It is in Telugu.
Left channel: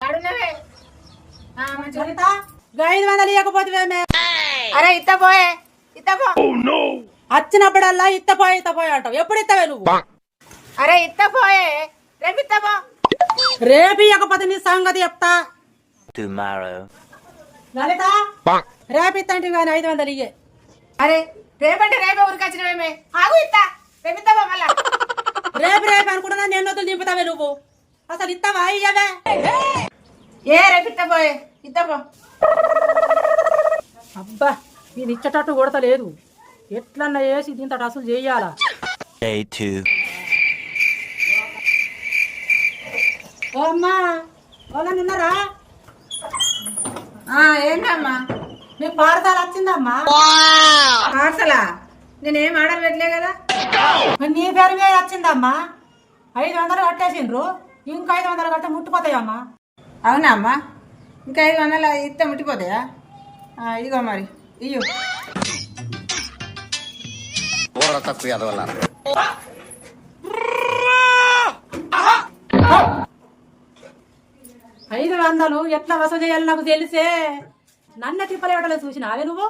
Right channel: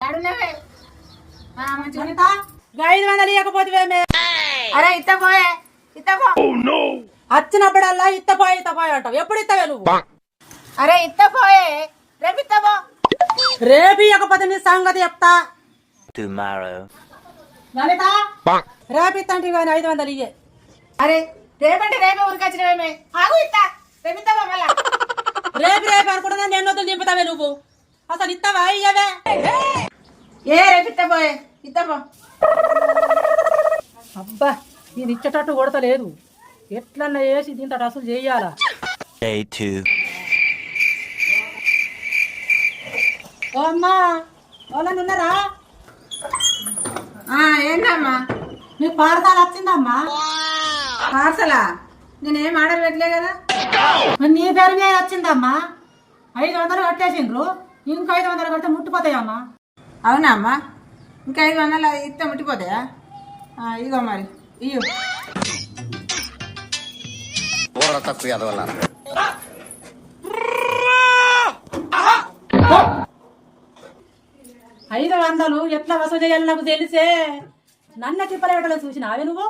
500 ఇవ్వకపోతే అరే ఇత్తపోయే ఇత్తపో వచ్చినప్పుడల్లా ఇత్తపోయి అంటావు. ఎప్పుడు ఇస్తావే నువ్వు? అరే ఇత్తపోయే రేపు ఇత్తపో. రేపు ఇవ్వకపోతే నీ సంగతి చెప్తా. లలిత రేపు ఇస్తాంటివి కానీ 500 ఇయ్యే. అరే రేపంటే రేపే ఊరికొచ్చినవేమే ఆగు ఇత్తా రేపు ఇత్తపో మళ్ళా. రేపు అనుకుంటున్నా నేను వద్దు దింపుతావే నువ్వు. అసలు ఇస్తావా ఇయ్యవే? రేపు ఇత్తపోయే ఇత్తపో. అబ్బా నేను ఇచ్చేటట్టు కొడతలేదు. ఎట్లన్నా వేసి దీంతో అసలు చెయ్యాలా? ఓ అమ్మా వాళ్ళని ఉన్నారా? ఏంటమ్మా నీకు పాఠశాల వచ్చిందమ్మా? పార్సలా నేనేం ఆర్డర్ పెట్టలే కదా. మరి నీ పేరు మీద వచ్చిందమ్మా. 500 కట్టేసిండ్రు. ఇంకా 500 కట్టే ముట్టిపోతాయమ్మా. అవునా అమ్మా? ఇంకా 500 ఇస్తే ముట్టిపోతాయా? ఇదిగో మరి ఇయ్యు. తక్కువ ఎదవల్ల 500 ఎట్లా వసూలు చేయాలి నాకు తెలిసే. నన్న కిప్పలేటలో చూసినావే నువ్వు?